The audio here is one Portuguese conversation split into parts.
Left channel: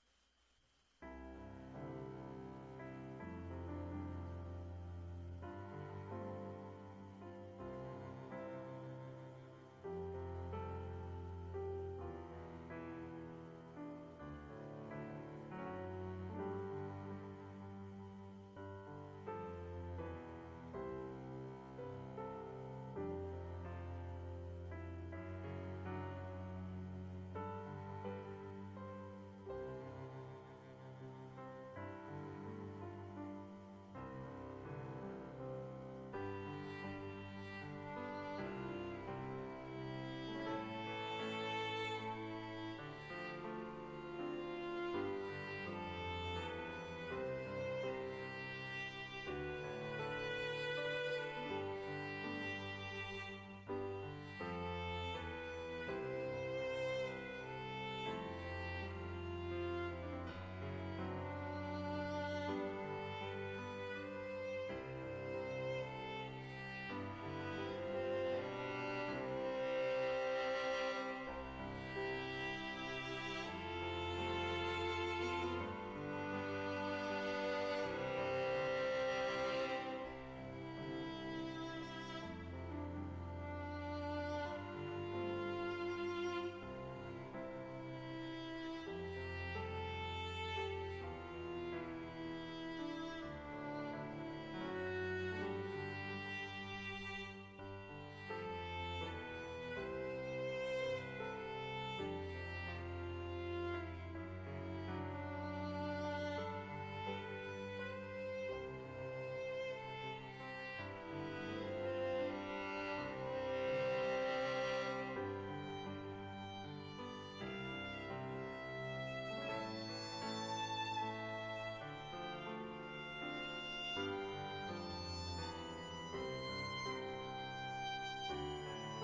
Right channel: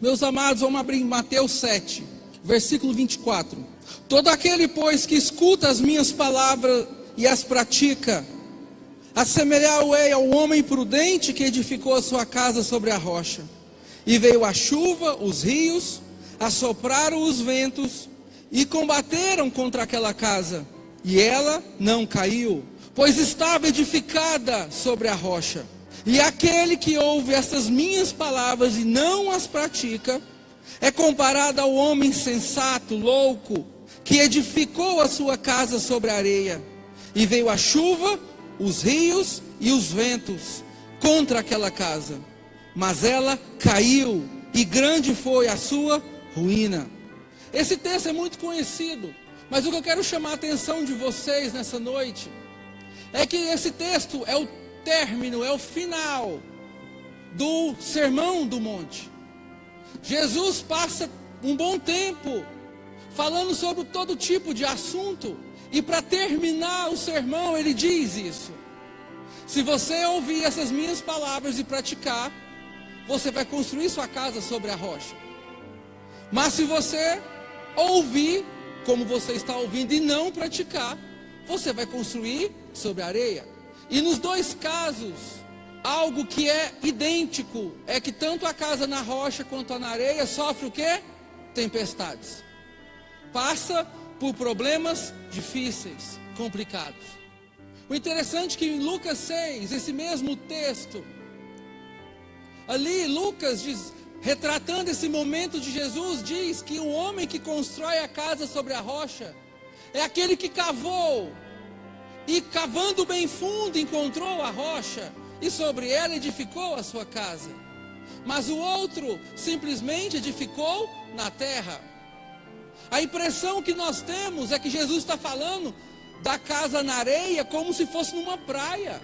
Meus amados, vamos abrir em Mateus 7, versículo 24. Todo aquele, pois, que escuta as minhas palavras e as pratica, assemelhar-o-ei ao homem prudente que edificou a sua casa sobre a rocha. E veio a chuva, os rios, assopraram os ventos e combateram contra aquela casa. E ela não caiu, pois estava edificada sobre a rocha. E aquele que ouve estas minhas palavras e não as pratica, é comparado ao homem insensato, louco, que edificou a sua casa sobre a areia. E veio a chuva, os rios e os ventos contra aquela casa. Mas ela caiu, e grande foi a sua ruína. Esse texto é muito conhecido, mas o que eu quero chamar a atenção de vocês nessa noite é que esse texto é o término, é o final do Sermão do Monte. Jesus passa um bom tempo falando sobre todo tipo de assunto, e para terminar o sermão ele diz isso: se você ouvir essas minhas palavras e praticar, você vai construir sua casa sobre a rocha. Mas se você ouvir, como você está ouvindo, e não praticar, você vai construir sobre a areia. E nos dois casos, algo que é idêntico é que tanto a casa na rocha quanto a na areia sofre o quê? Tempestades. Passa por problemas difíceis, complicados. O interessante é que em Lucas 6, esse mesmo texto, ali Lucas diz, retratando esse momento de Jesus, diz que o homem que constrói a casa sobre a rocha é aquele que cavou, e cavando bem fundo encontrou a rocha, e sobre ela edificou a sua casa. Mas o outro simplesmente edificou na terra. A impressão que nós temos é que Jesus está falando da casa na areia como se fosse numa praia,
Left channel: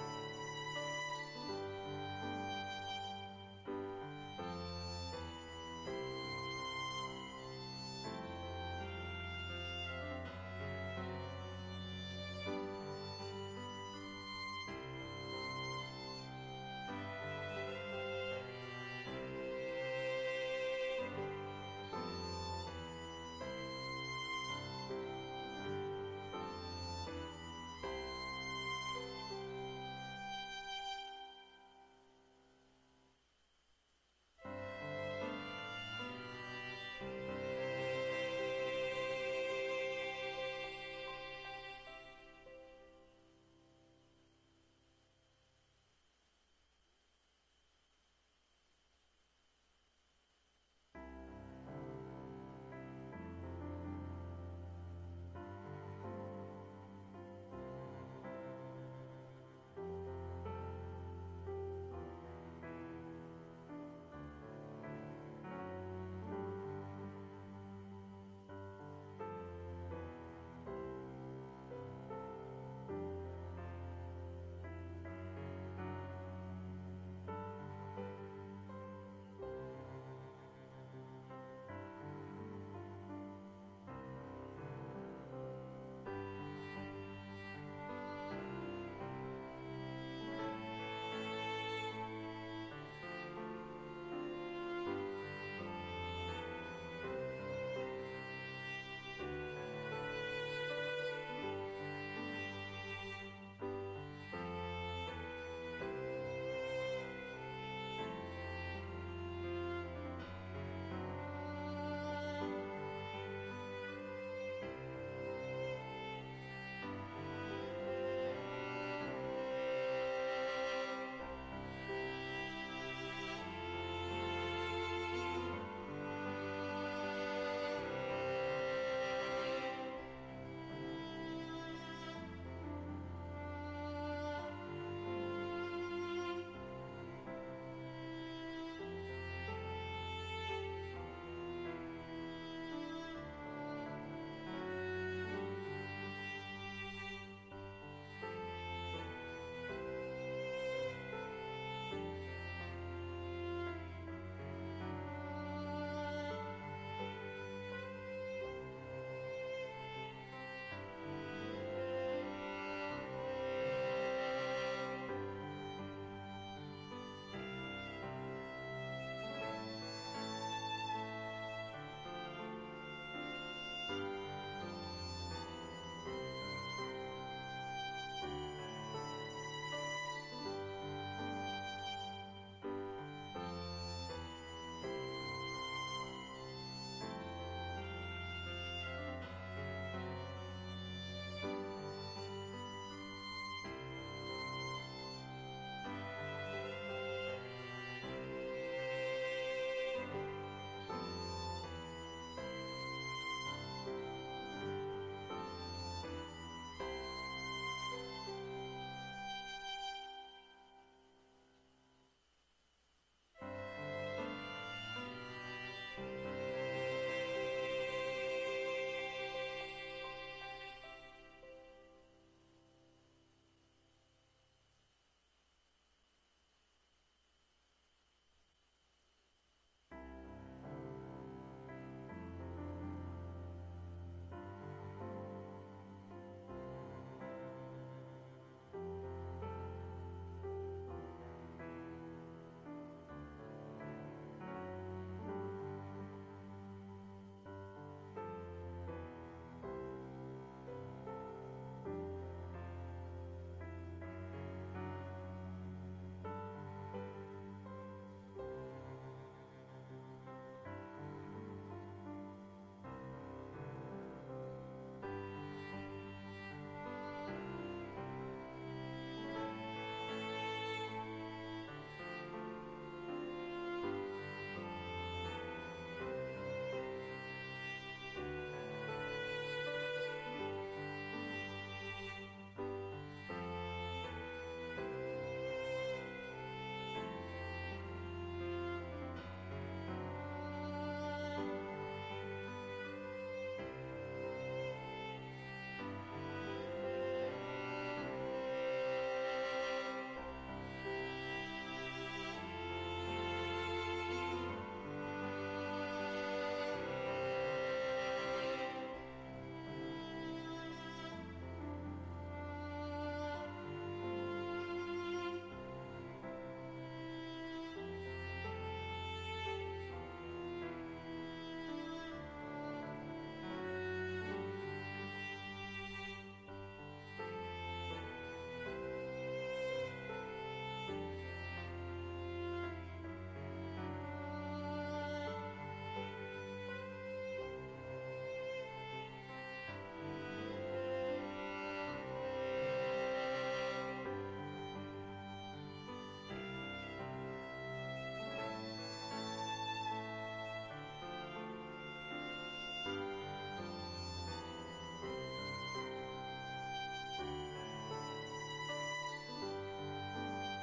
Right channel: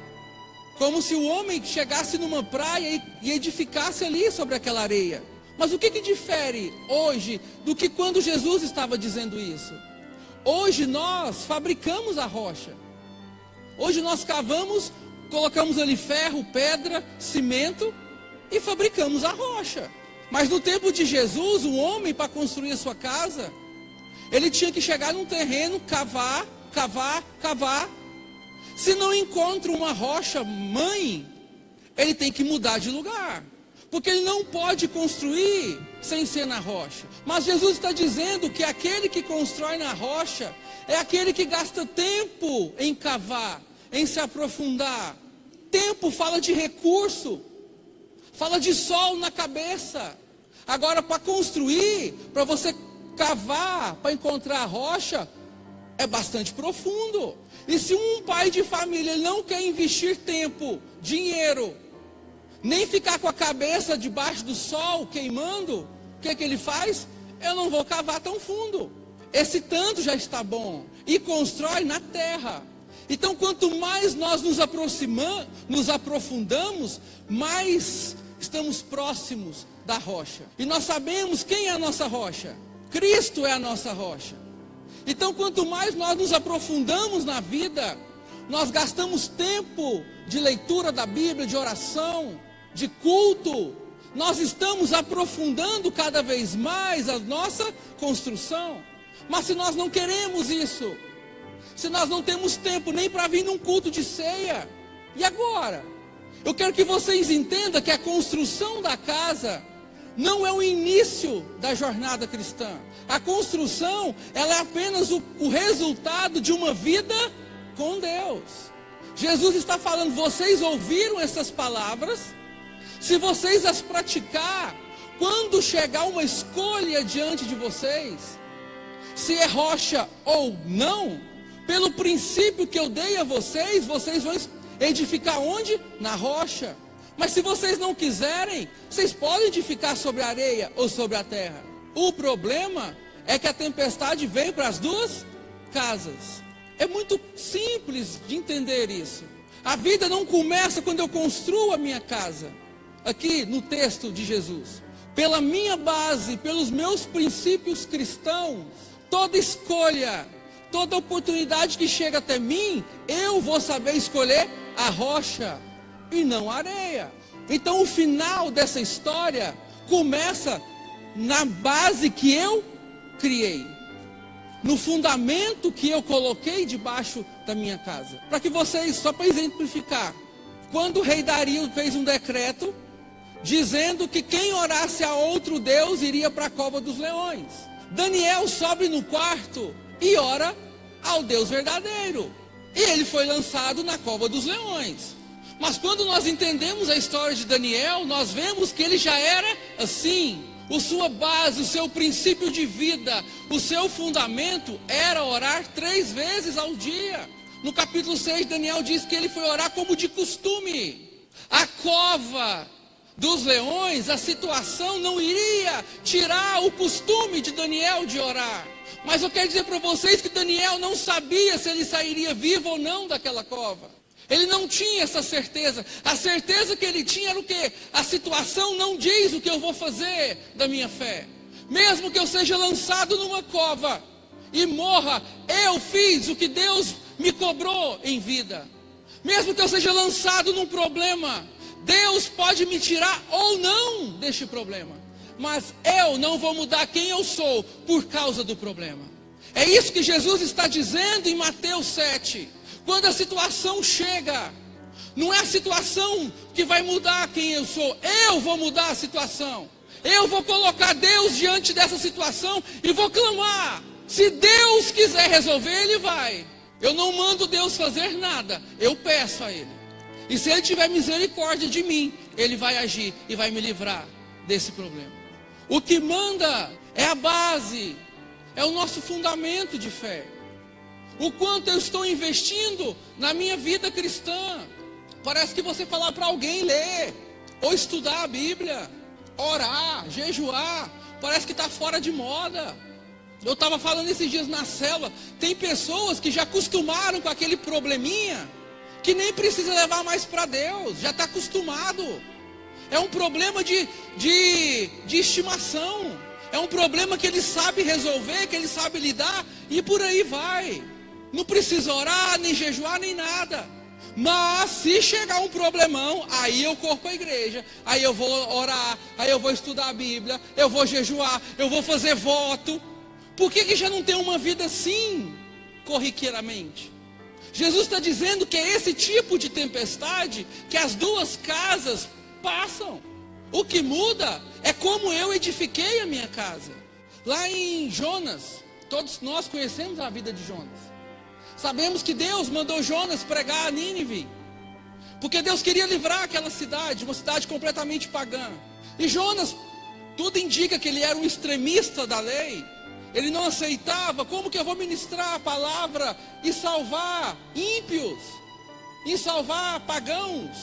como se o homem chegasse numa praia e edificasse ali sobre aquela areia. Mas o que difere hoje do que quando Jesus estava dizendo isso? Hoje nós fabricamos a rocha. Hoje nós cavamos, colocamos ali ferro, pedra, cimento e fabricamos a rocha. Mas no tempo de Jesus, o homem, para construir a sua casa, ele tinha que chegar num terreno, cavar. Se não encontra uma rocha mãe, ele tem que mudar de lugar, porque ele não pode construir sem ser na rocha. Mas Jesus está dizendo que aquele que constrói na rocha é aquele que gasta tempo em cavar, em se aprofundar. Tempo fala de recurso, fala de sol na cabeça. Agora, para construir, para você cavar, para encontrar a rocha, é bastante profundo. E se um pai de família não quer investir tempo, dinheiro, nem ficar com a cabeça debaixo do sol queimando, o que ele faz? Eu não vou cavar tão fundo, esse tanto já está bom, e constrói na terra. Então quanto mais nós nos aprofundamos, mais estamos próximos da rocha. E nós sabemos quem é a nossa rocha. Cristo é a nossa rocha. Então quanto mais nós nos aprofundamos na vida, nós gastamos tempo de leitura da Bíblia, de oração, de culto, nós estamos aprofundando cada vez mais a nossa construção. Mas se nós não queremos isso, se nós não temos tempo nem para vir num culto de ceia, e agora? Eu quero que vocês entendam que a construção da casa não é o início da jornada cristã. A construção, ela é apenas o resultado de uma vida com Deus. Jesus está falando, vocês ouviram essas palavras? Se vocês as praticar, quando chegar uma escolha diante de vocês, se é rocha ou não, pelo princípio que eu dei a vocês, vocês vão edificar onde? Na rocha. Mas se vocês não quiserem, vocês podem edificar sobre a areia ou sobre a terra. O problema é que a tempestade vem para as duas casas. É muito simples de entender isso. A vida não começa quando eu construo a minha casa. Aqui no texto de Jesus, pela minha base, pelos meus princípios cristãos, toda escolha, toda oportunidade que chega até mim, eu vou saber escolher a rocha e não a areia. Então o final dessa história começa na base que eu criei, no fundamento que eu coloquei debaixo da minha casa. Para que vocês, só para exemplificar, quando o rei Dario fez um decreto dizendo que quem orasse a outro Deus iria para a cova dos leões, Daniel sobe no quarto e ora ao Deus verdadeiro, e ele foi lançado na cova dos leões. Mas quando nós entendemos a história de Daniel, nós vemos que ele já era assim. A sua base, o seu princípio de vida, o seu fundamento era orar 3 vezes ao dia. No capítulo 6, Daniel diz que ele foi orar como de costume. A cova dos leões, a situação não iria tirar o costume de Daniel de orar. Mas eu quero dizer para vocês que Daniel não sabia se ele sairia vivo ou não daquela cova. Ele não tinha essa certeza. A certeza que ele tinha era o quê? A situação não diz o que eu vou fazer da minha fé. Mesmo que eu seja lançado numa cova e morra, eu fiz o que Deus me cobrou em vida. Mesmo que eu seja lançado num problema, Deus pode me tirar ou não deste problema. Mas eu não vou mudar quem eu sou por causa do problema. É isso que Jesus está dizendo em Mateus 7. Quando a situação chega, não é a situação que vai mudar quem eu sou. Eu vou mudar a situação. Eu vou colocar Deus diante dessa situação e vou clamar. Se Deus quiser resolver, Ele vai. Eu não mando Deus fazer nada. Eu peço a Ele. E se Ele tiver misericórdia de mim, Ele vai agir e vai me livrar desse problema. O que manda é a base, é o nosso fundamento de fé. O quanto eu estou investindo na minha vida cristã. Parece que você falar para alguém ler, ou estudar a Bíblia, orar, jejuar, parece que está fora de moda. Eu estava falando esses dias na célula, tem pessoas que já acostumaram com aquele probleminha, que nem precisa levar mais para Deus, já está acostumado. É um problema de estimação, é um problema que ele sabe resolver, que ele sabe lidar, e por aí vai. Não precisa orar, nem jejuar, nem nada. Mas se chegar um problemão, aí eu corro para a igreja, aí eu vou orar, aí eu vou estudar a Bíblia, eu vou jejuar, eu vou fazer voto. Por que já não tem uma vida assim, corriqueiramente? Jesus está dizendo que é esse tipo de tempestade que as duas casas passam. O que muda é como eu edifiquei a minha casa. Lá em Jonas, todos nós conhecemos a vida de Jonas. Sabemos que Deus mandou Jonas pregar a Nínive, porque Deus queria livrar aquela cidade, uma cidade completamente pagã. E Jonas, tudo indica que ele era um extremista da lei. Ele não aceitava. Como que eu vou ministrar a palavra e salvar ímpios, e salvar pagãos?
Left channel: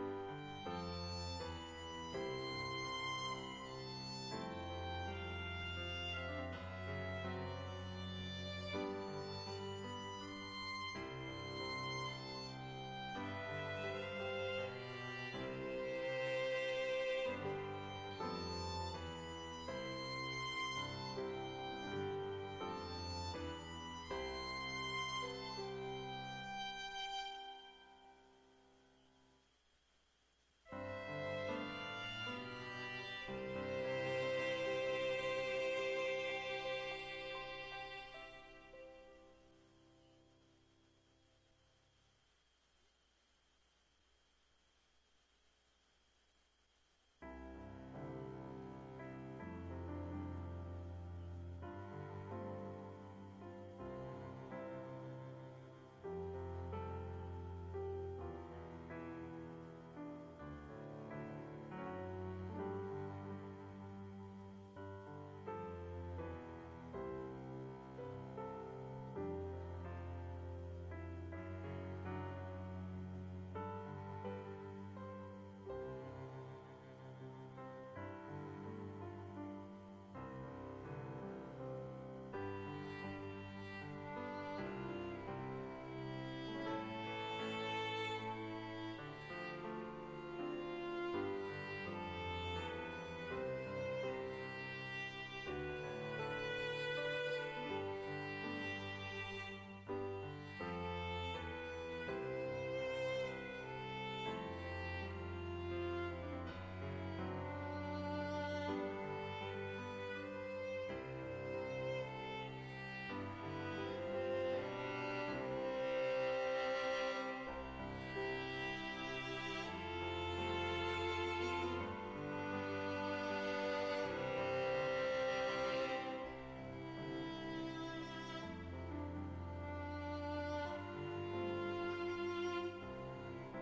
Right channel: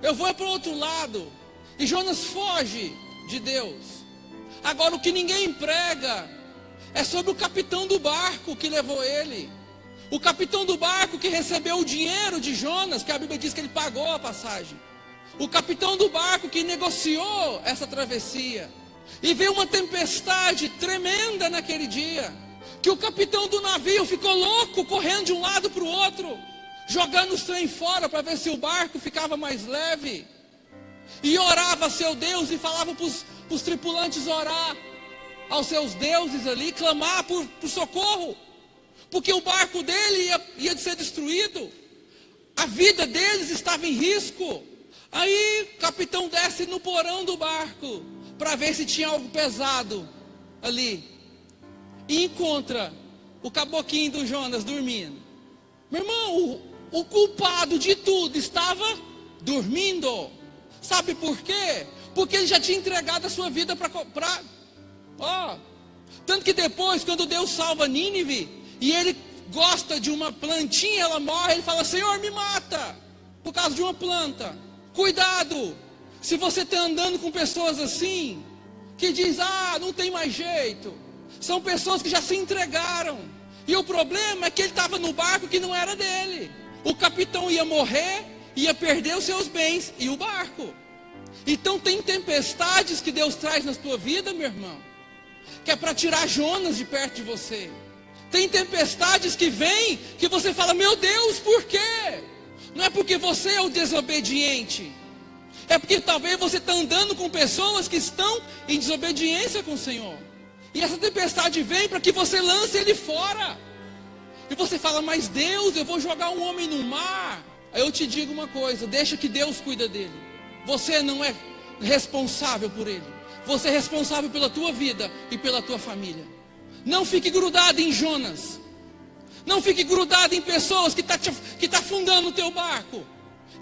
Eu vou para o outro lado. E Jonas foge de Deus. Agora o que ninguém prega é sobre o capitão do barco que levou ele. O capitão do barco que recebeu o dinheiro de Jonas, que a Bíblia diz que ele pagou a passagem. O capitão do barco que negociou essa travessia. E veio uma tempestade tremenda naquele dia, que o capitão do navio ficou louco, correndo de um lado para o outro, jogando os trem fora para ver se o barco ficava mais leve. E orava a seu Deus e falava para os tripulantes orar aos seus deuses ali, clamar por socorro. Porque o barco dele ia ser destruído. A vida deles estava em risco. Aí o capitão desce no porão do barco para ver se tinha algo pesado ali. E encontra o caboquinho do Jonas dormindo. Meu irmão, o culpado de tudo estava dormindo. Sabe por quê? Porque ele já tinha entregado a sua vida para... Tanto que depois, quando Deus salva Nínive, e ele gosta de uma plantinha, ela morre, ele fala: Senhor, me mata, por causa de uma planta. Cuidado, se você está andando com pessoas assim, que diz, não tem mais jeito. São pessoas que já se entregaram. E o problema é que ele estava no barco que não era dele. O capitão ia morrer, ia perder os seus bens e o barco. Então tem tempestades que Deus traz na sua vida, meu irmão, que é para tirar Jonas de perto de você. Tem tempestades que vêm, que você fala: meu Deus, por quê? Não é porque você é o desobediente, É porque talvez você está andando com pessoas que estão em desobediência com o Senhor. E essa tempestade vem para que você lance ele fora. E você fala, mas Deus, eu vou jogar um homem no mar. Aí eu te digo uma coisa, deixa que Deus cuida dele. Você não é responsável por ele. Você é responsável pela tua vida e pela tua família. Não fique grudado em Jonas. Não fique grudado em pessoas que tá afundando o teu barco.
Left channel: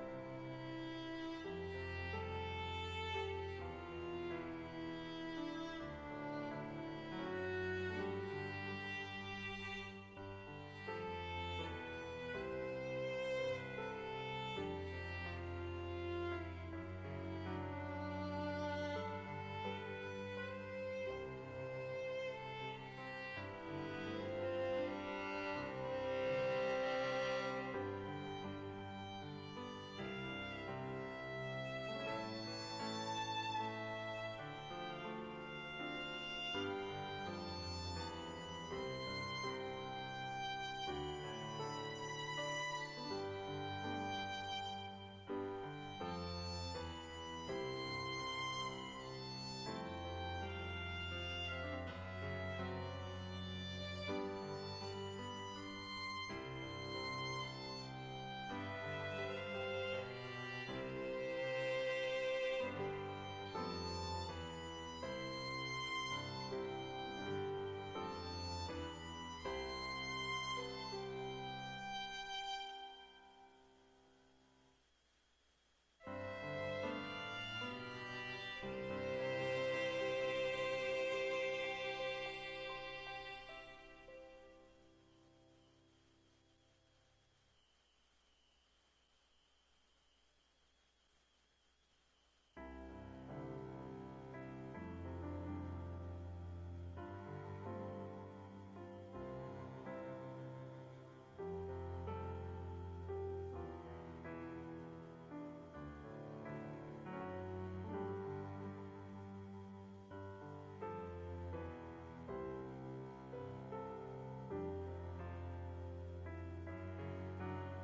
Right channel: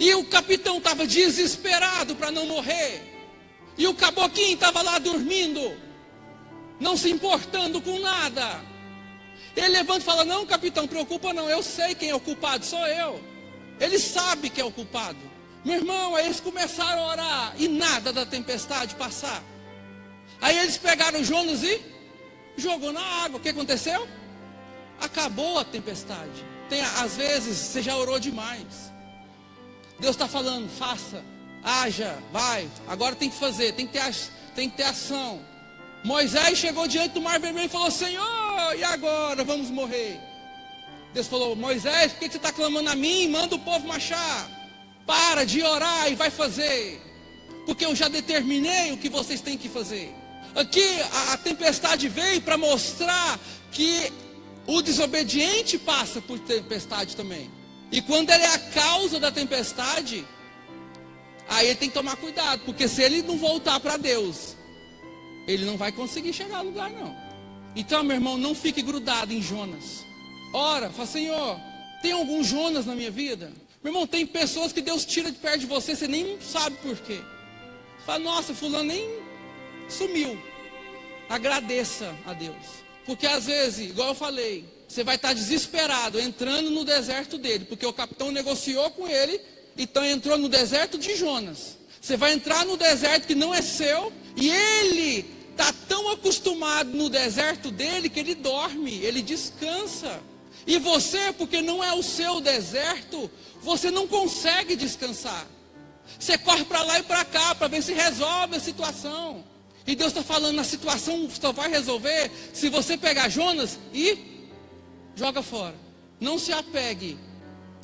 E o capitão estava desesperado para não morrer. E o caboquinho estava lá dormindo, não se importando com nada. Ele levanta e fala, não capitão, preocupa não, eu sei quem é o culpado, sou eu. Ele sabe que é o culpado. Meu irmão, aí eles começaram a orar e nada da tempestade passar. Aí eles pegaram Jonas e jogou na água. O que aconteceu? Acabou a tempestade. Às vezes você já orou demais. Deus está falando, faça, haja, vai. Agora tem que fazer, tem que ter ação. Moisés chegou diante do Mar Vermelho e falou, Senhor, e agora vamos morrer? Deus falou, Moisés, por que você está clamando a mim? Manda o povo marchar. Para de orar e vai fazer. Porque eu já determinei o que vocês têm que fazer. Aqui a tempestade veio para mostrar que o desobediente passa por tempestade também. E quando ele é a causa da tempestade, aí ele tem que tomar cuidado. Porque se ele não voltar para Deus, ele não vai conseguir chegar a lugar não. Então meu irmão, não fique grudado em Jonas. Ora, fala, Senhor, tem algum Jonas na minha vida? Meu irmão, tem pessoas que Deus tira de perto de você, você nem sabe por quê. Fala, nossa, fulano nem sumiu. Agradeça a Deus. Porque às vezes, igual eu falei, você vai estar desesperado, entrando no deserto dele, porque o capitão negociou com ele, então entrou no deserto de Jonas. Você vai entrar no deserto que não é seu, e ele está tão acostumado no deserto dele, que ele dorme, ele descansa. E você, porque não é o seu deserto, você não consegue descansar. Você corre para lá e para cá, para ver se resolve a situação. E Deus está falando, a situação só vai resolver se você pegar Jonas e joga fora. Não se apegue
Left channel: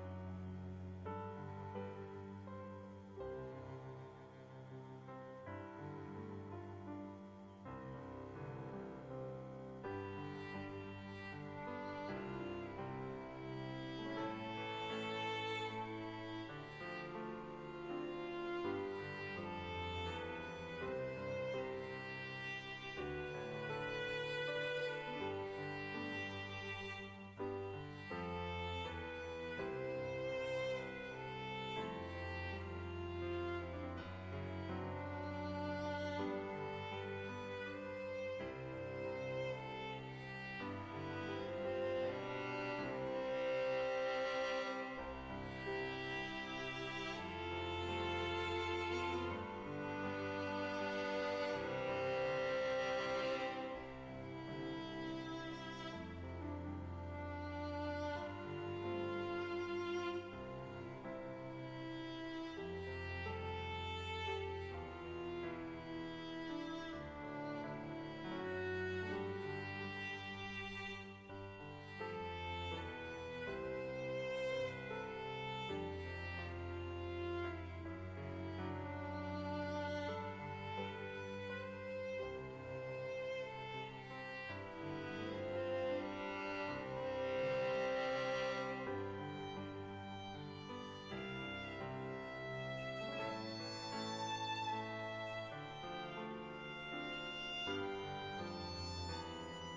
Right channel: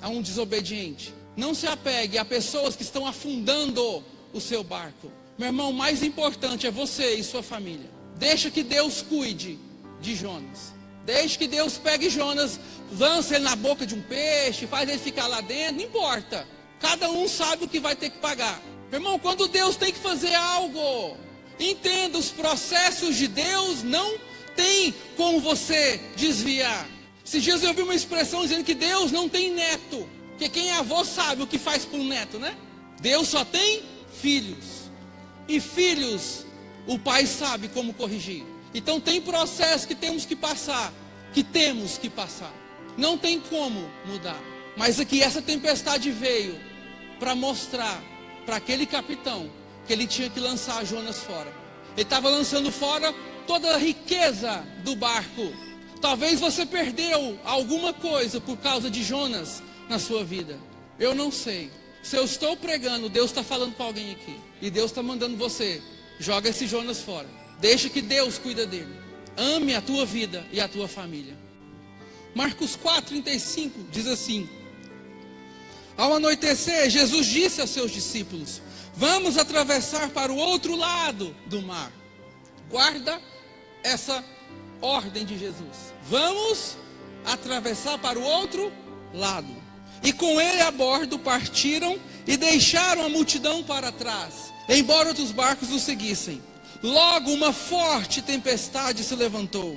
a um desobediente. Não se apegue a pessoas que estão afundando o seu barco. Meu irmão, o mais importante é você e sua família. Deixa que Deus cuide de Jonas. Deixa que Deus pegue Jonas, lança ele na boca de um peixe, faz ele ficar lá dentro, não importa. Cada um sabe o que vai ter que pagar. Meu irmão, quando Deus tem que fazer algo, entenda, os processos de Deus não tem como você desviar. Esses dias eu ouvi uma expressão dizendo que Deus não tem neto, porque quem é avô sabe o que faz para um neto, né? Deus só tem filhos, e filhos o pai sabe como corrigir. Então tem processos que temos que passar, não tem como mudar. Mas aqui essa tempestade veio para mostrar para aquele capitão que ele tinha que lançar Jonas fora. Ele estava lançando fora toda a riqueza do barco. Talvez você perdeu alguma coisa por causa de Jonas na sua vida. Eu não sei. Se eu estou pregando, Deus está falando para alguém aqui. E Deus está mandando você, joga esse Jonas fora. Deixa que Deus cuida dele. Ame a tua vida e a tua família. Marcos 4:35 diz assim: ao anoitecer, Jesus disse aos seus discípulos: vamos atravessar para o outro lado do mar. Guarda essa ordem de Jesus. Vamos atravessar para o outro lado. E com ele a bordo partiram e deixaram a multidão para trás, embora outros barcos os seguissem. Logo uma forte tempestade se levantou.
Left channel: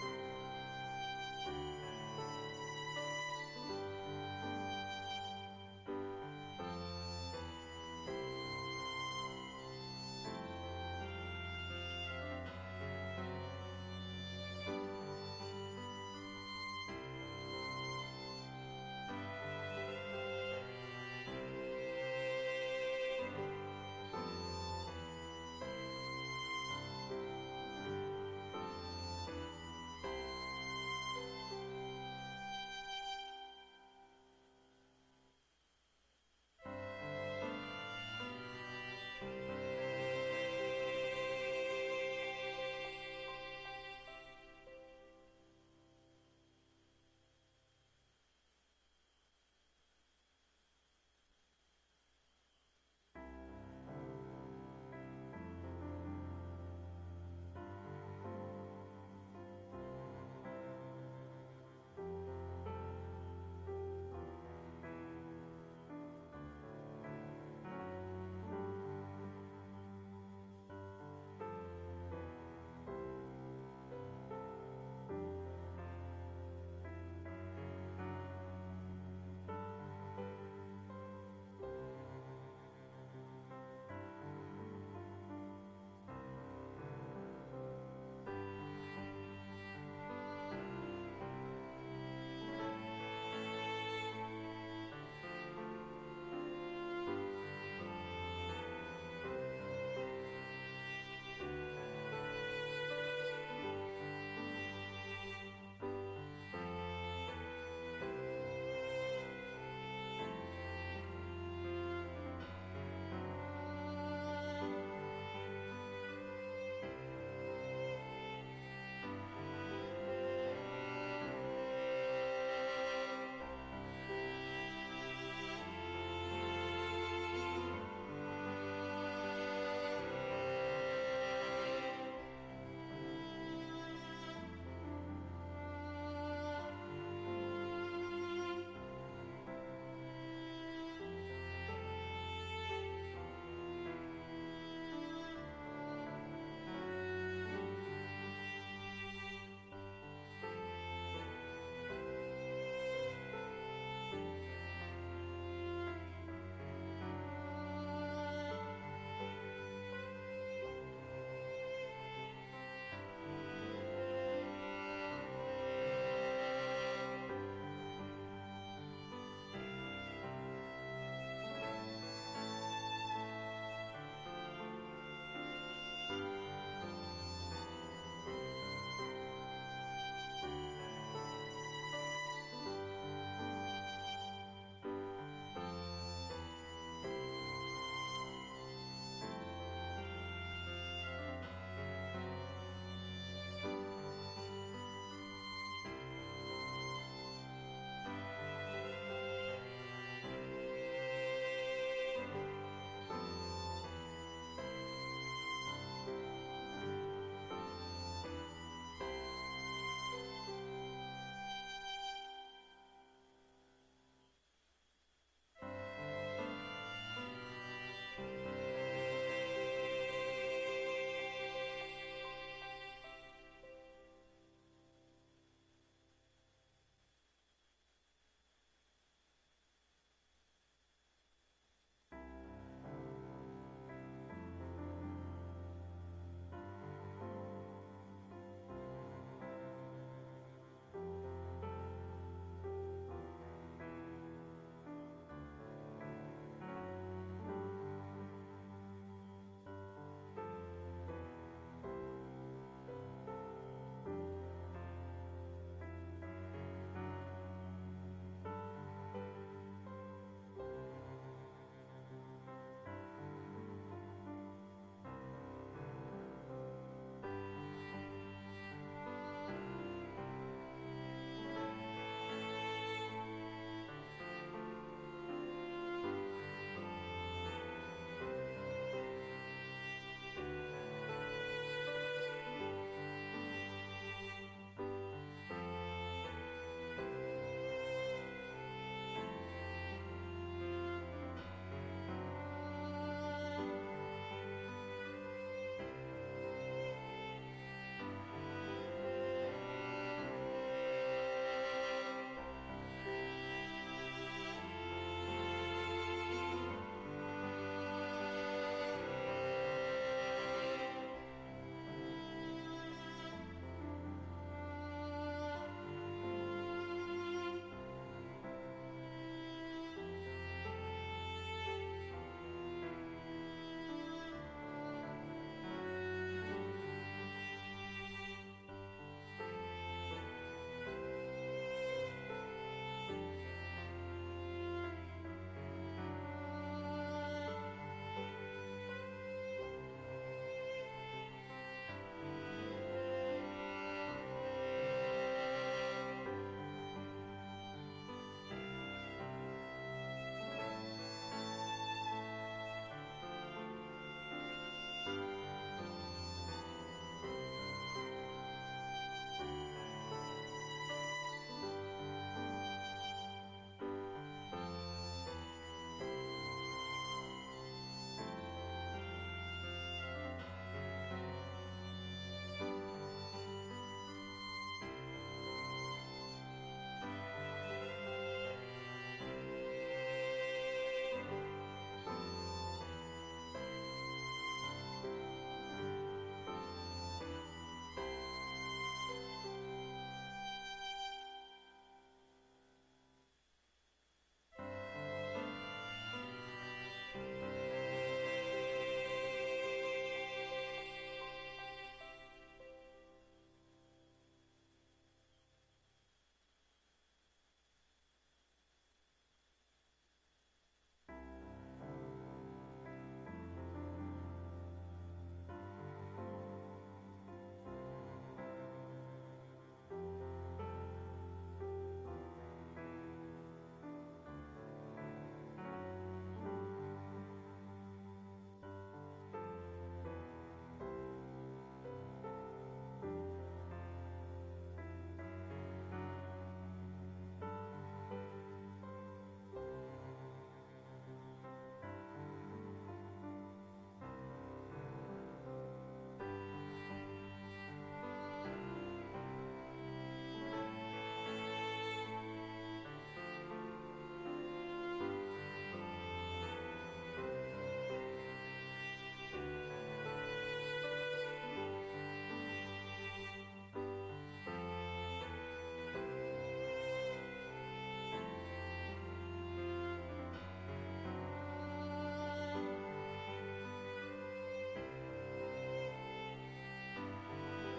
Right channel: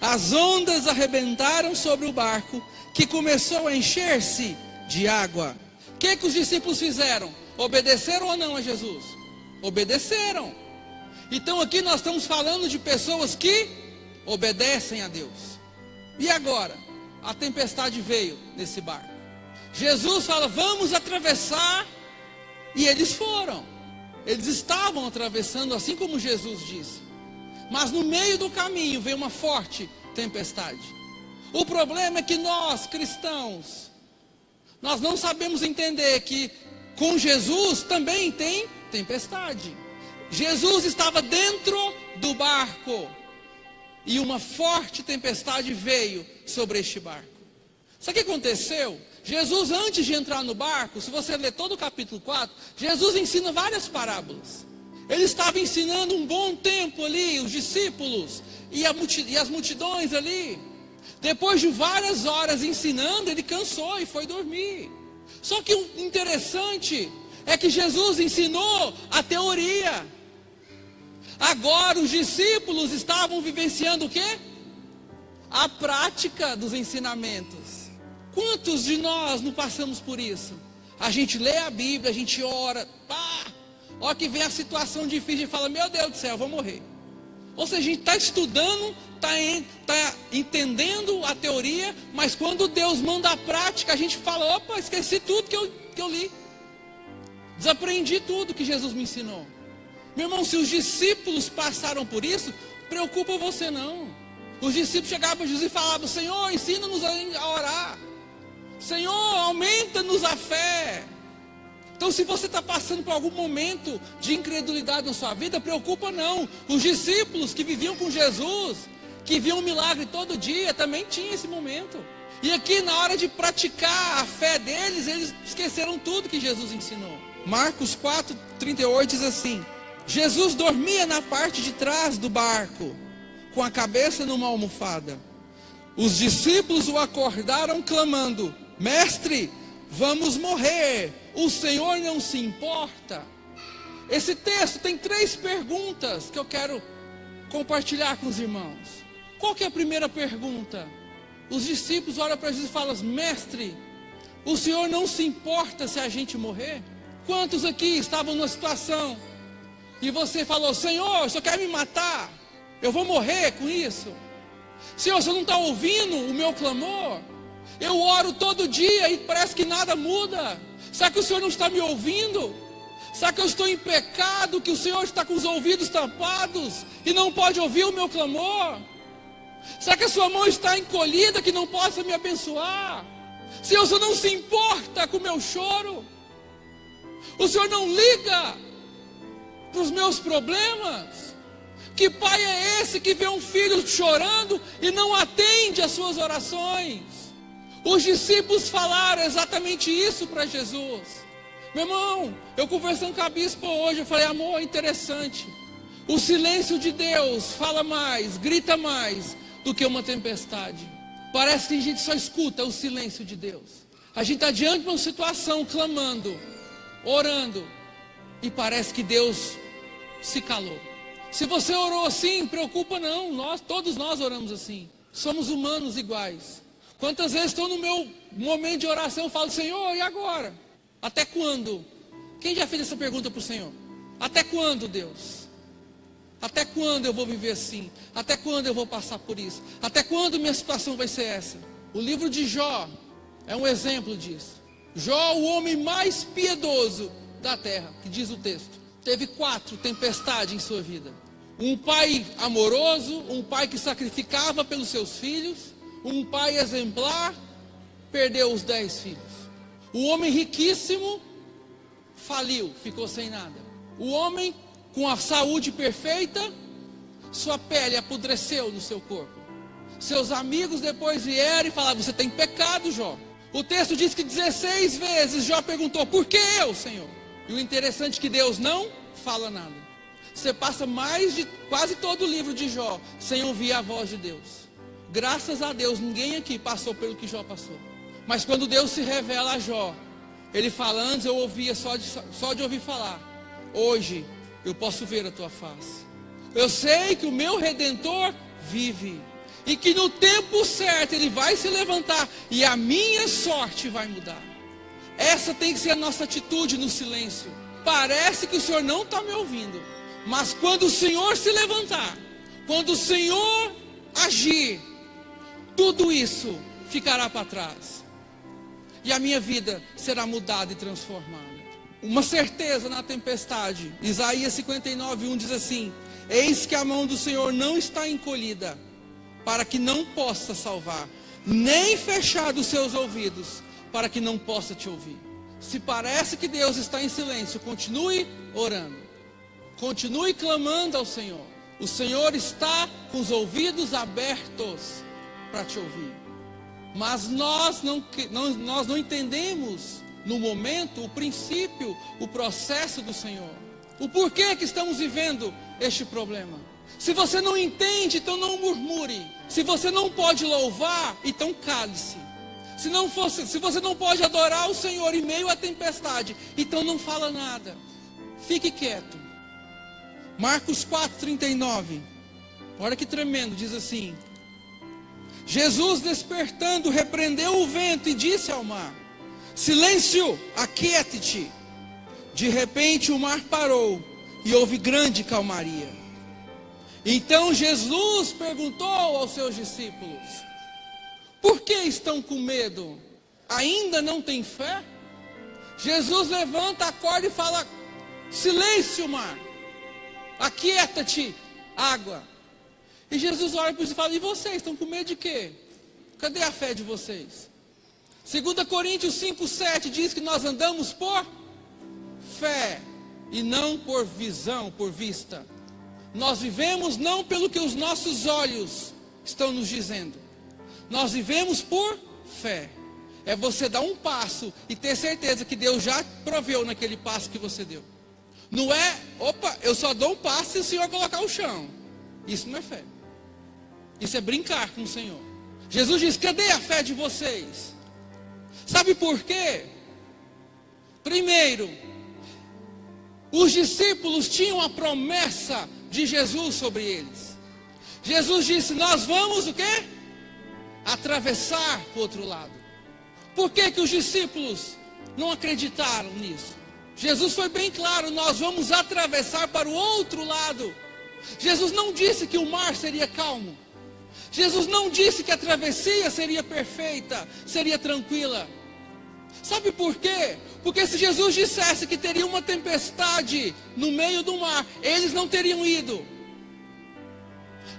As ondas arrebentaram sobre o barco, que começou a encher-se de água. O que os discípulos fizeram? Obedeceram ou não a Jesus? Obedeceram. Então aqui nós estamos falando de pessoas que obedecem a Deus. E agora? A tempestade veio nesse barco. Jesus fala, vamos atravessar. E eles foram. Eles estavam atravessando, assim como Jesus disse. Mas no meio do caminho veio uma forte tempestade. O problema é que nós, cristãos, nós não sabemos entender que com Jesus também tem tempestade. Jesus estava dentro do barco e uma forte tempestade veio sobre este barco. Sabe o que aconteceu? Jesus, antes de entrar no barco, se você ler todo o capítulo 4, Jesus ensina várias parábolas. Ele estava ensinando um bom tempo ali, os discípulos e as multidões ali. Depois de várias horas ensinando, ele cansou e foi dormir. Só que o interessante é que Jesus ensinou a teoria. Agora os discípulos estavam vivenciando o quê? A prática dos ensinamentos. Quantos de nós não passamos por isso? A gente lê a Bíblia, a gente ora, pá, ó que vem a situação difícil e fala, meu Deus do céu, eu vou morrer. Ou seja, a gente está estudando, está entendendo a teoria, mas quando Deus manda a prática, a gente fala, opa, esqueci tudo que eu li. Desaprendi tudo que Jesus me ensinou. Meu irmão, se os discípulos passaram por isso, preocupa você não. Os discípulos chegavam para Jesus e falavam, Senhor, ensina-nos a orar. Senhor, aumenta-nos a fé. Então, se você está passando por algum momento de incredulidade na sua vida, preocupa não. Os discípulos que viviam com Jesus, que viam um milagre todo dia, também tinham esse momento. E aqui, na hora de praticar a fé deles, eles esqueceram tudo que Jesus ensinou. Marcos 4:38 diz assim: Jesus dormia na parte de trás do barco, com a cabeça numa almofada. Os discípulos o acordaram clamando, Mestre, vamos morrer, o Senhor não se importa. Esse texto tem 3 perguntas que eu quero compartilhar com os irmãos. Qual que é a primeira pergunta? Os discípulos olham para Jesus e falam, Mestre, o Senhor não se importa se a gente morrer? Quantos aqui estavam numa situação e você falou, Senhor, o Senhor quer me matar? Eu vou morrer com isso? Senhor, o Senhor não está ouvindo o meu clamor? Eu oro todo dia e parece que nada muda. Será que o Senhor não está me ouvindo? Será que eu estou em pecado, que o Senhor está com os ouvidos tampados e não pode ouvir o meu clamor? Será que a sua mão está encolhida, que não possa me abençoar? Senhor, o Senhor não se importa com o meu choro? O Senhor não liga para os meus problemas? Que pai é esse que vê um filho chorando e não atende às suas orações? Os discípulos falaram exatamente isso para Jesus. Meu irmão, eu conversando com a bispa hoje, eu falei, amor, interessante. O silêncio de Deus fala mais, grita mais do que uma tempestade. Parece que a gente só escuta o silêncio de Deus. A gente está diante de uma situação, clamando, orando, e parece que Deus se calou. Se você orou assim, preocupa não, todos nós oramos assim. Somos humanos iguais. Quantas vezes estou no meu momento de oração e falo, Senhor, e agora? Até quando? Quem já fez essa pergunta para o Senhor? Até quando, Deus? Até quando eu vou viver assim? Até quando eu vou passar por isso? Até quando minha situação vai ser essa? O livro de Jó é um exemplo disso. Jó, o homem mais piedoso da terra, que diz o texto, teve 4 tempestades em sua vida. Um pai amoroso, um pai que sacrificava pelos seus filhos, um pai exemplar, perdeu os 10 filhos. O homem riquíssimo faliu, ficou sem nada. O homem com a saúde perfeita, sua pele apodreceu no seu corpo. Seus amigos depois vieram e falaram, você tem pecado, Jó. O texto diz que 16 vezes Jó perguntou, por que eu, Senhor? E o interessante é que Deus não fala nada. Você passa mais de quase todo o livro de Jó sem ouvir a voz de Deus. Graças a Deus, ninguém aqui passou pelo que Jó passou. Mas quando Deus se revela a Jó, ele fala, antes eu ouvia só de ouvir falar. Hoje eu posso ver a tua face. Eu sei que o meu Redentor vive. E que no tempo certo ele vai se levantar e a minha sorte vai mudar. Essa tem que ser a nossa atitude no silêncio. Parece que o Senhor não está me ouvindo. Mas quando o Senhor se levantar, quando o Senhor agir, tudo isso ficará para trás. E a minha vida será mudada e transformada. Uma certeza na tempestade. Isaías 59:1 diz assim: eis que a mão do Senhor não está encolhida, para que não possa salvar, nem fechar os seus ouvidos, para que não possa te ouvir. Se parece que Deus está em silêncio, continue orando. Continue clamando ao Senhor. O Senhor está com os ouvidos abertos para te ouvir. Mas nós não entendemos no momento o princípio, o processo do Senhor. O porquê que estamos vivendo este problema. Se você não entende, então não murmure. Se você não pode louvar, então cale-se. Se você não pode adorar o Senhor em meio à tempestade, então não fala nada. Fique quieto. Marcos 4:39. Olha que tremendo, diz assim: Jesus, despertando, repreendeu o vento e disse ao mar: silêncio, aquiete-te. De repente o mar parou e houve grande calmaria. Então Jesus perguntou aos seus discípulos: por que estão com medo? Ainda não têm fé? Jesus levanta, acorda e fala: silêncio, mar, aquieta-te, água. E Jesus olha para eles e fala: e vocês estão com medo de quê? Cadê a fé de vocês? 2 Coríntios 5:7 diz que nós andamos por fé e não por visão, por vista. Nós vivemos não pelo que os nossos olhos estão nos dizendo. Nós vivemos por fé. É você dar um passo e ter certeza que Deus já proveu naquele passo que você deu. Não é, eu só dou um passo se o Senhor colocar o chão. Isso não é fé. Isso é brincar com o Senhor. Jesus diz: cadê a fé de vocês? Sabe por quê? Primeiro, os discípulos tinham a promessa de Jesus sobre eles. Jesus disse: nós vamos o quê? Atravessar para o outro lado. Por que que os discípulos não acreditaram nisso? Jesus foi bem claro: nós vamos atravessar para o outro lado. Jesus não disse que o mar seria calmo. Jesus não disse que a travessia seria perfeita, seria tranquila. Sabe por quê? Porque se Jesus dissesse que teria uma tempestade no meio do mar, eles não teriam ido.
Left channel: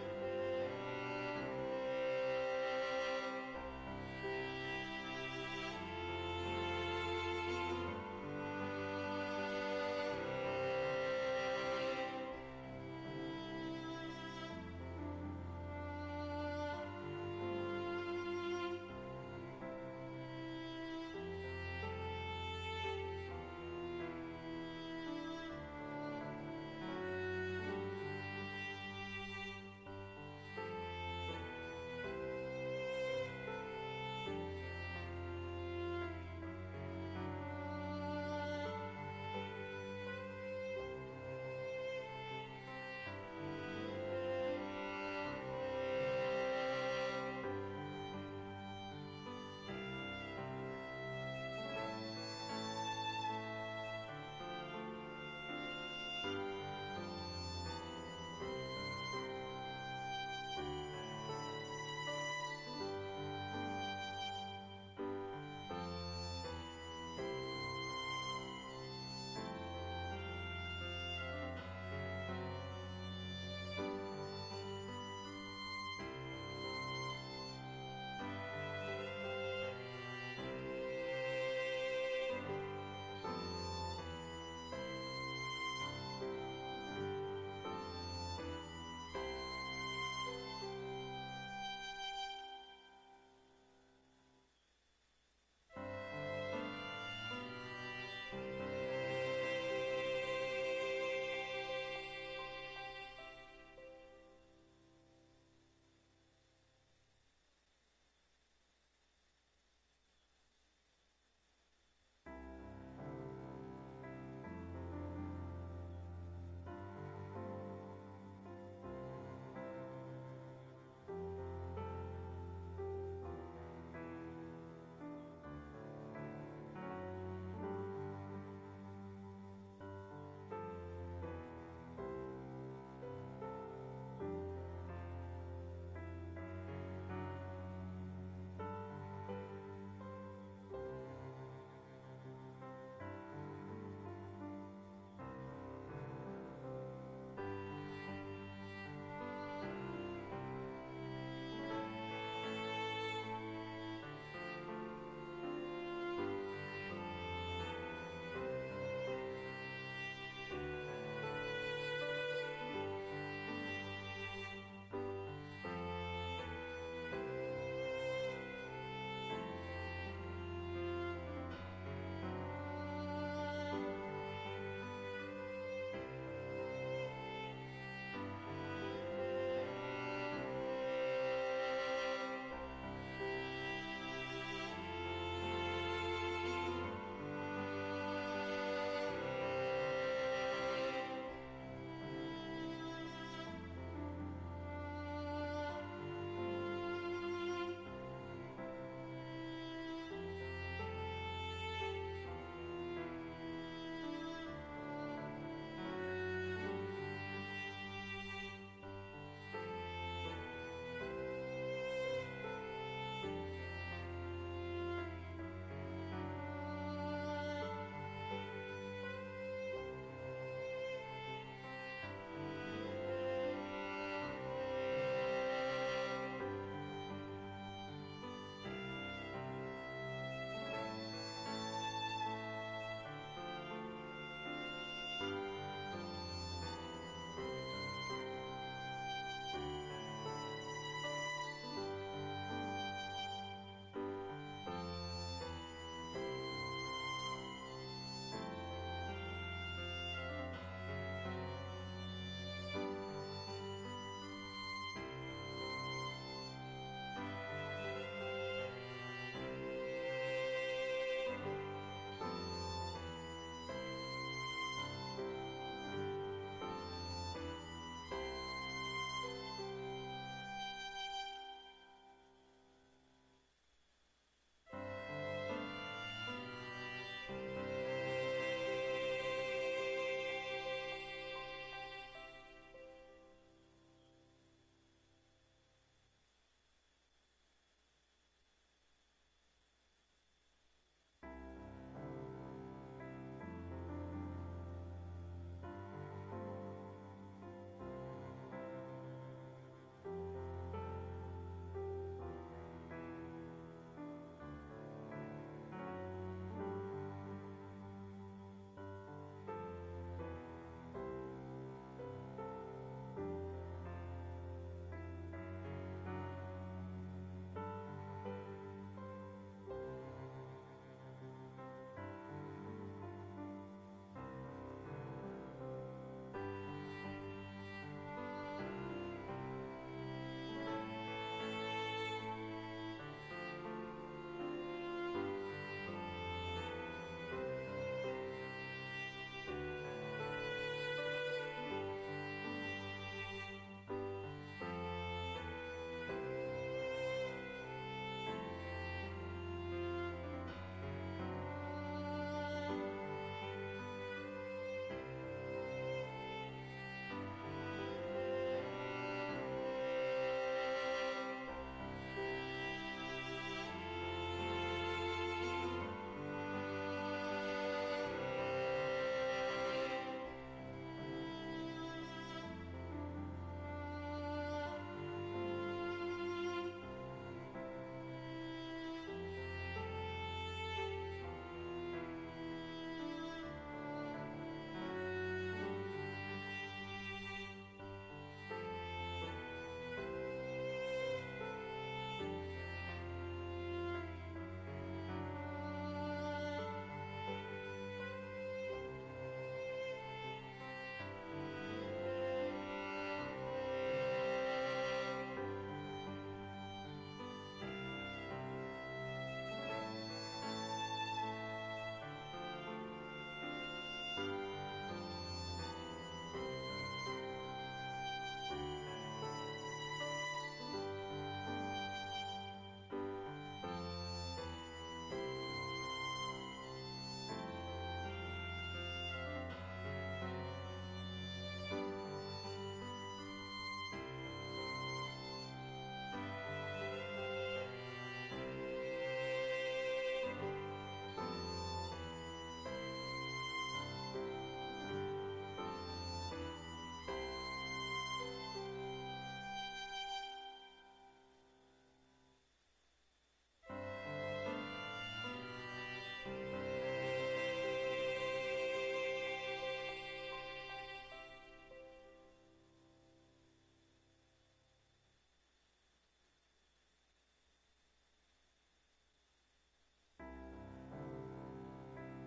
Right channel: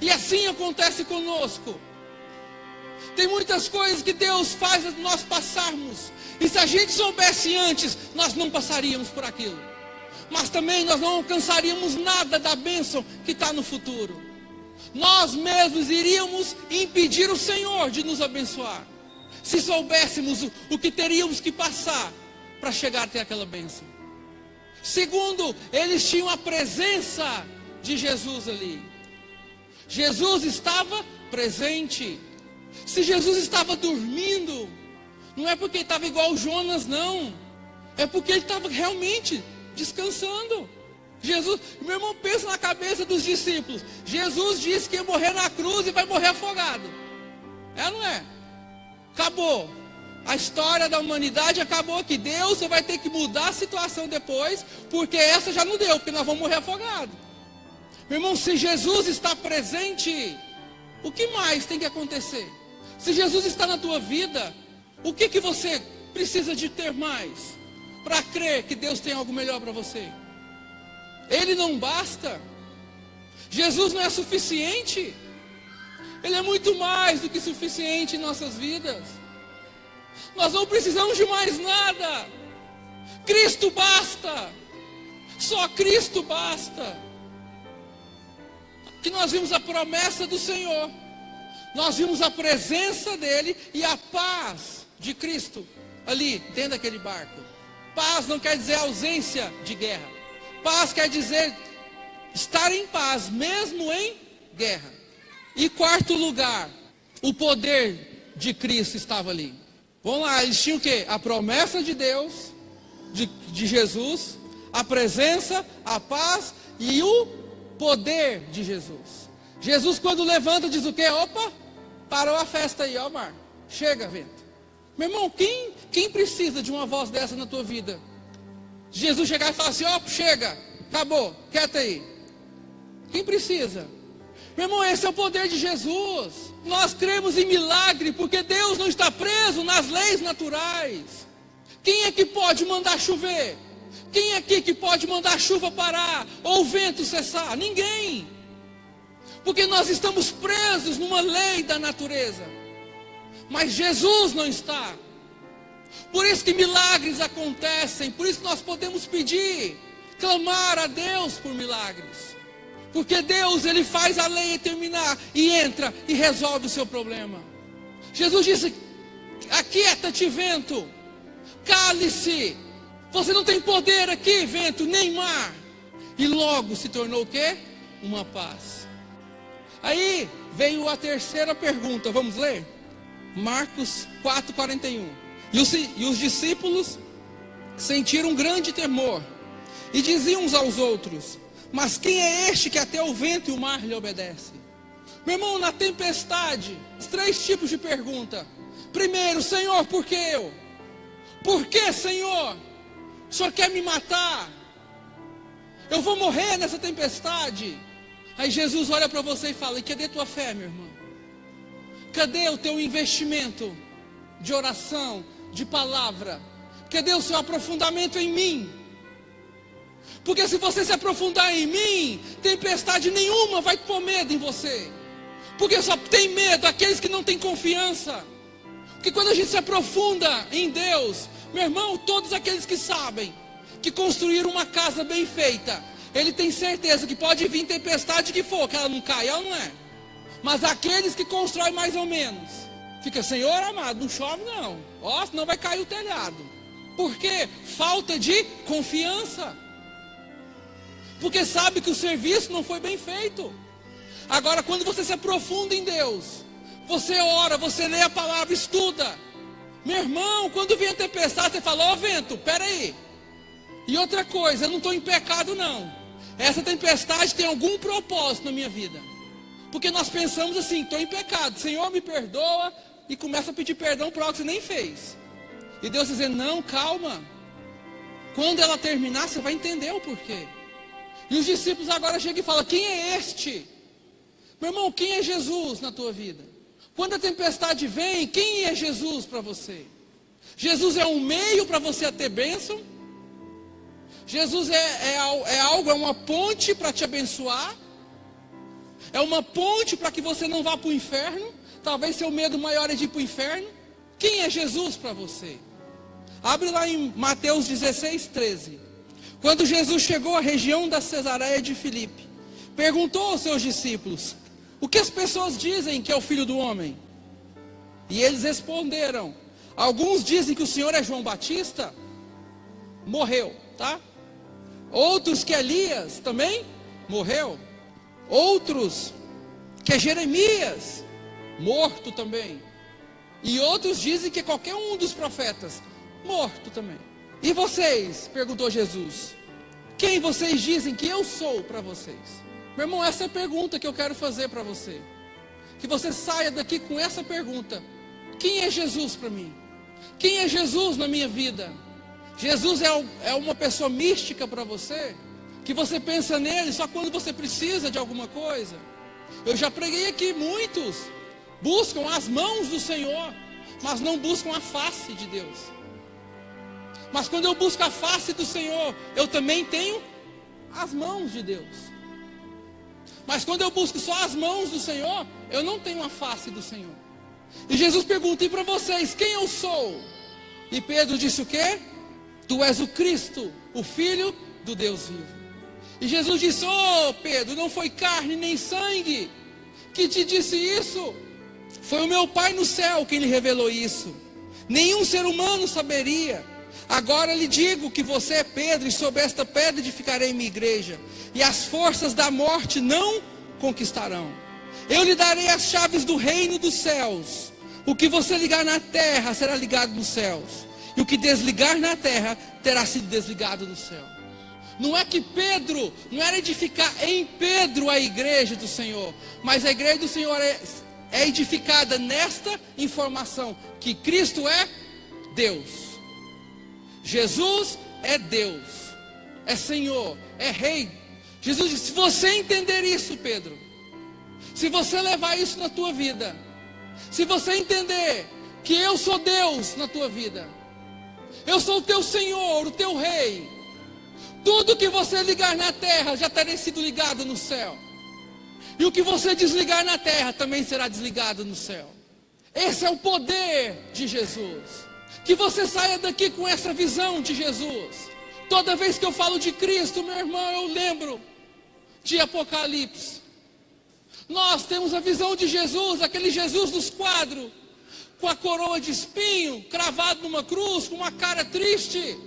E assim acontece conosco. Tem muitas coisas que Deus faz nós passarmos, e se a gente soubesse antes, nós não passaríamos por aquilo. Mas também nós não alcançaríamos nada da bênção que está no futuro. Nós mesmos iríamos impedir o Senhor de nos abençoar, se soubéssemos o que teríamos que passar para chegar até aquela bênção. Segundo, eles tinham a presença de Jesus ali. Jesus estava presente. Se Jesus estava dormindo, não é porque ele estava igual Jonas, não. É porque ele estava realmente descansando. Jesus, meu irmão, pensa na cabeça dos discípulos. Jesus disse que ia morrer na cruz e vai morrer afogado. É ou não é? Acabou. A história da humanidade acabou aqui. Deus, você vai ter que mudar a situação depois, porque essa já não deu, porque nós vamos morrer afogados. Meu irmão, se Jesus está presente, o que mais tem que acontecer? Se Jesus está na tua vida, o que você precisa de ter mais para crer que Deus tem algo melhor para você? Ele não basta. Jesus não é suficiente. Ele é muito mais do que suficiente em nossas vidas. Nós não precisamos de mais nada. Cristo basta. Só Cristo basta. Que nós vimos a promessa do Senhor. Nós vimos a presença dele e a paz de Cristo ali dentro daquele barco. Paz não quer dizer ausência de guerra. Paz quer dizer estar em paz, mesmo em guerra. E quarto lugar, o poder de Cristo estava ali. Vamos lá, eles tinham o quê? A promessa de Deus, de Jesus, a presença, a paz e o poder de Jesus. Jesus, quando levanta, diz o quê? Opa, parou a festa aí, ó mar. Chega, vento. Meu irmão, quem precisa de uma voz dessa na tua vida? Jesus chegar e falar assim: ó, chega, acabou, quieta aí. Quem precisa? Meu irmão, esse é o poder de Jesus. Nós cremos em milagre, porque Deus não está preso nas leis naturais. Quem é que pode mandar chover? Quem é aqui que pode mandar a chuva parar, ou o vento cessar? Ninguém. Porque nós estamos presos numa lei da natureza. Mas Jesus não está. Por isso que milagres acontecem. Por isso que nós podemos pedir, clamar a Deus por milagres. Porque Deus, Ele faz a lei terminar e entra e resolve o seu problema. Jesus disse: Aquieta-te, vento. Cale-se. Você não tem poder aqui, vento, nem mar. E logo se tornou o quê? Uma paz. Aí veio a terceira pergunta, vamos ler? Marcos 4:41. E os discípulos sentiram um grande temor e diziam uns aos outros: mas quem é este que até o vento e o mar lhe obedecem? Meu irmão, na tempestade, os 3 tipos de pergunta. Primeiro, Senhor, por que eu? Por que, Senhor? O Senhor quer me matar? Eu vou morrer nessa tempestade? Aí Jesus olha para você e fala: e cadê tua fé, meu irmão? Cadê o teu investimento de oração, de palavra? Cadê o seu aprofundamento em mim? Porque se você se aprofundar em mim, tempestade nenhuma vai pôr medo em você. Porque só tem medo aqueles que não têm confiança. Porque quando a gente se aprofunda em Deus, meu irmão, todos aqueles que sabem que construíram uma casa bem feita, ele tem certeza que pode vir tempestade que for, que ela não cai, ela não é. Mas aqueles que constroem mais ou menos, fica: Senhor amado, não chove não, ó, senão vai cair o telhado. Por quê? Falta de confiança. Porque sabe que o serviço não foi bem feito. Agora, quando você se aprofunda em Deus, você ora, você lê a palavra, estuda. Meu irmão, quando vem a tempestade, você fala: ó vento, peraí. E outra coisa, eu não estou em pecado não. Essa tempestade tem algum propósito na minha vida. Porque nós pensamos assim: estou em pecado, Senhor me perdoa. E começa a pedir perdão por algo que você nem fez. E Deus dizendo: não, calma. Quando ela terminar, você vai entender o porquê. E os discípulos agora chegam e falam: quem é este? Meu irmão, quem é Jesus na tua vida? Quando a tempestade vem, quem é Jesus para você? Jesus é um meio para você ter bênção? Jesus é algo, é uma ponte para te abençoar? É uma ponte para que você não vá para o inferno? Talvez seu medo maior é de ir para o inferno? Quem é Jesus para você? Abre lá em Mateus 16:13. Quando Jesus chegou à região da Cesareia de Filipe, perguntou aos seus discípulos: o que as pessoas dizem que é o Filho do Homem? E eles responderam: alguns dizem que o Senhor é João Batista, morreu, tá? Outros que Elias também morreu. Outros que é Jeremias, morto também. E outros dizem que é qualquer um dos profetas, morto também. E vocês? Perguntou Jesus. Quem vocês dizem que eu sou para vocês? Meu irmão, essa é a pergunta que eu quero fazer para você. Que você saia daqui com essa pergunta: quem é Jesus para mim? Quem é Jesus na minha vida? Jesus é uma pessoa mística para você? Que você pensa nele só quando você precisa de alguma coisa? Eu já preguei aqui, muitos buscam as mãos do Senhor, mas não buscam a face de Deus. Mas quando eu busco a face do Senhor, eu também tenho as mãos de Deus. Mas quando eu busco só as mãos do Senhor, eu não tenho a face do Senhor. E Jesus pergunta: e para vocês, quem eu sou? E Pedro disse o quê? Tu és o Cristo, o Filho do Deus vivo. E Jesus disse: oh Pedro, não foi carne nem sangue que te disse isso. Foi o meu Pai no céu quem lhe revelou isso. Nenhum ser humano saberia. Agora lhe digo que você é Pedro, e sobre esta pedra edificarei minha igreja, e as forças da morte não conquistarão. Eu lhe darei as chaves do reino dos céus. O que você ligar na terra será ligado nos céus, e o que desligar na terra terá sido desligado no céu. Não é que Pedro, não era edificar em Pedro a igreja do Senhor, mas a igreja do Senhor é edificada nesta informação: que Cristo é Deus. Jesus é Deus, é Senhor, é Rei. Jesus disse: se você entender isso, Pedro, se você levar isso na tua vida, se você entender que eu sou Deus na tua vida, eu sou o teu Senhor, o teu Rei, tudo que você ligar na terra já terá sido ligado no céu, e o que você desligar na terra também será desligado no céu. Esse é o poder de Jesus. Que você saia daqui com essa visão de Jesus. Toda vez que eu falo de Cristo, meu irmão, eu lembro de Apocalipse. Nós temos a visão de Jesus, aquele Jesus dos quadros. com a coroa de espinho, cravado numa cruz, com uma cara triste.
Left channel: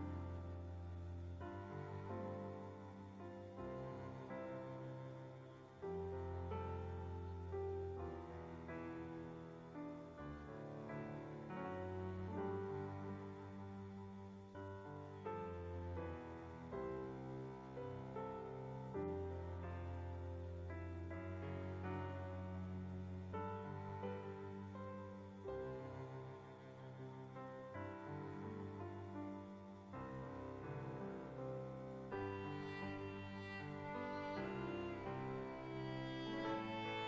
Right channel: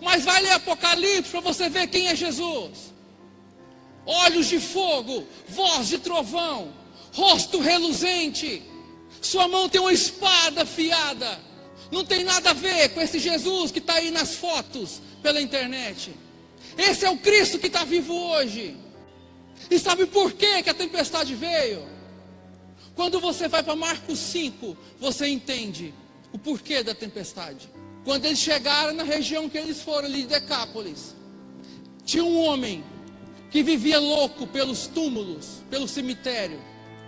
Mas vai ler Apocalipse para você ver quem é Jesus. Olhos de fogo, voz de trovão, rosto reluzente, sua mão tem uma espada afiada. Não tem nada a ver com esse Jesus que está aí nas fotos pela internet. Esse é o Cristo que está vivo hoje. E sabe por que a tempestade veio? Quando você vai para Marcos 5, você entende o porquê da tempestade. Quando eles chegaram na região que eles foram ali de Decápolis, tinha um homem que vivia louco pelos túmulos, pelo cemitério,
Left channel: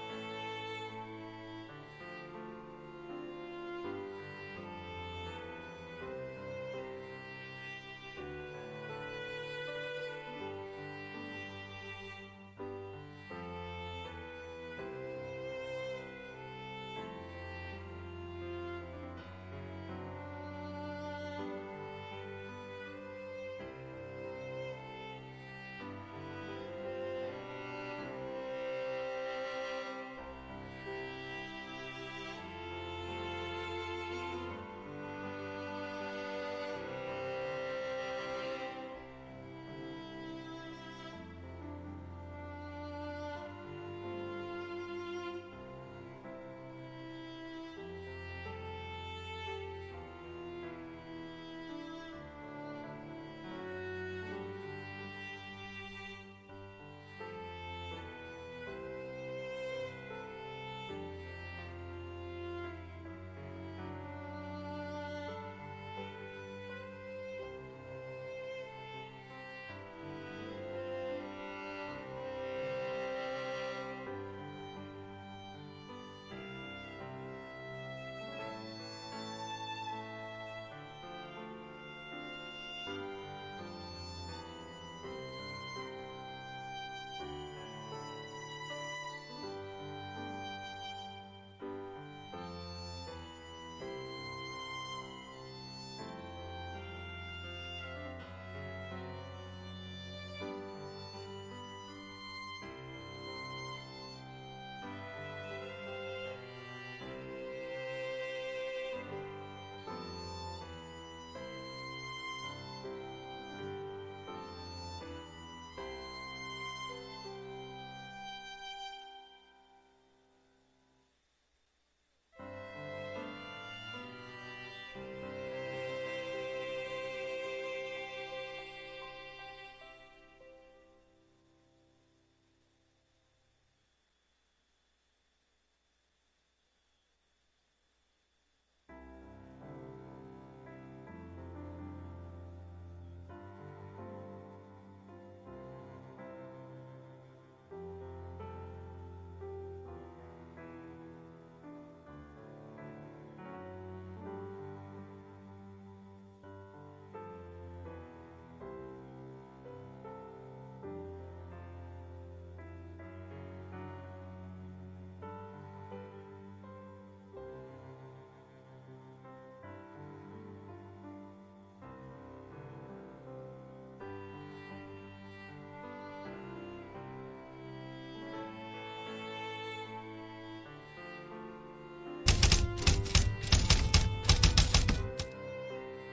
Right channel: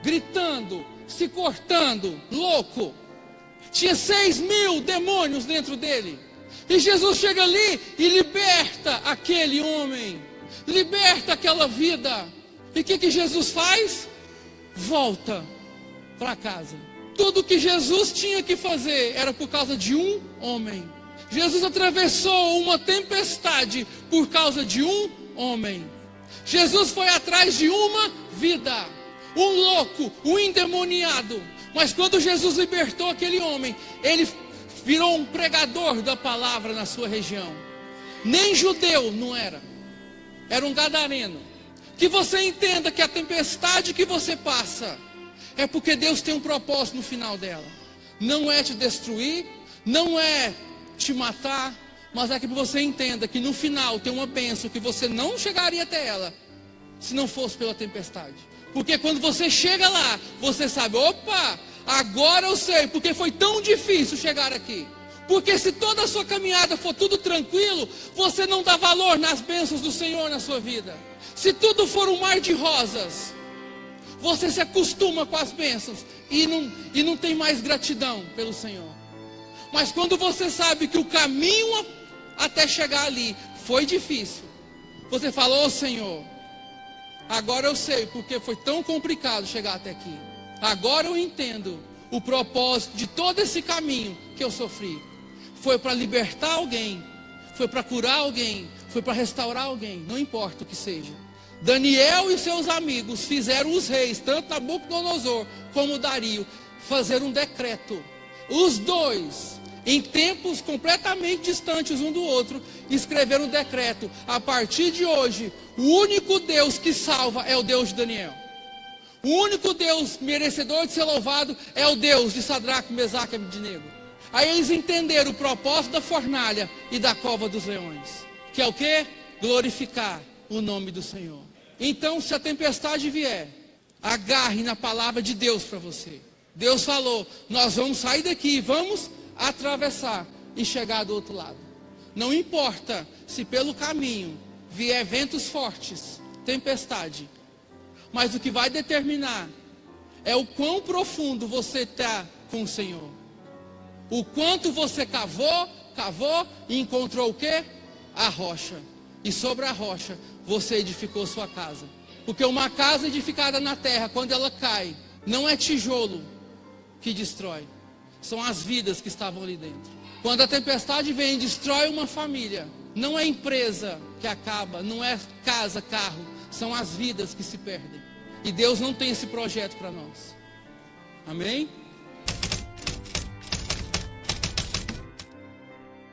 gritando, se cortando, louco. Tinha 6.000 demônios dentro dele. E Jesus chega ali e liberta aquele homem, liberta aquela vida. E o que Jesus faz? Volta para casa. Tudo que Jesus tinha que fazer era por causa de um homem. Jesus atravessou uma tempestade por causa de um homem. Jesus foi atrás de uma vida, um louco, um endemoniado. Mas quando Jesus libertou aquele homem, ele virou um pregador da palavra na sua região. Nem judeu não era, era um gadareno. Que você entenda que a tempestade que você passa é porque Deus tem um propósito no final dela. Não é te destruir, não é te matar, mas é que você entenda que no final tem uma bênção que você não chegaria até ela se não fosse pela tempestade. Porque quando você chega lá, você sabe, opa, agora eu sei porque foi tão difícil chegar aqui. Porque se toda a sua caminhada for tudo tranquilo, você não dá valor nas bênçãos do Senhor na sua vida. Se tudo for um mar de rosas, você se acostuma com as bênçãos e não tem mais gratidão pelo Senhor. Mas quando você sabe que o caminho até chegar ali foi difícil, você fala, ô Senhor, agora eu sei porque foi tão complicado chegar até aqui. Agora eu entendo o propósito de todo esse caminho que eu sofri. Foi para libertar alguém, foi para curar alguém, foi para restaurar alguém, não importa o que seja. Daniel e seus amigos fizeram os reis, tanto Nabucodonosor como Dario, fazer um decreto. Os dois, em tempos completamente distantes um do outro, escreveram um decreto. A partir de hoje, o único Deus que salva é o Deus de Daniel. O único Deus merecedor de ser louvado é o Deus de Sadraque, Mesaque e Abednego. Aí eles entenderam o propósito da fornalha e da cova dos leões. Que é o quê? Glorificar o nome do Senhor. Então, se a tempestade vier, agarre na palavra de Deus para você. Deus falou, nós vamos sair daqui, vamos atravessar e chegar do outro lado. Não importa se pelo caminho vier ventos fortes, tempestade, mas o que vai determinar é o quão profundo você está com o Senhor. O quanto você cavou e encontrou o quê? A rocha. E sobre a rocha você edificou sua casa. Porque uma casa edificada na terra, quando ela cai, não é tijolo que destrói, são as vidas que estavam ali dentro. Quando a tempestade vem e destrói uma família, não é empresa que acaba, não é casa, carro, são as vidas que se perdem. E Deus não tem esse projeto para nós. Amém?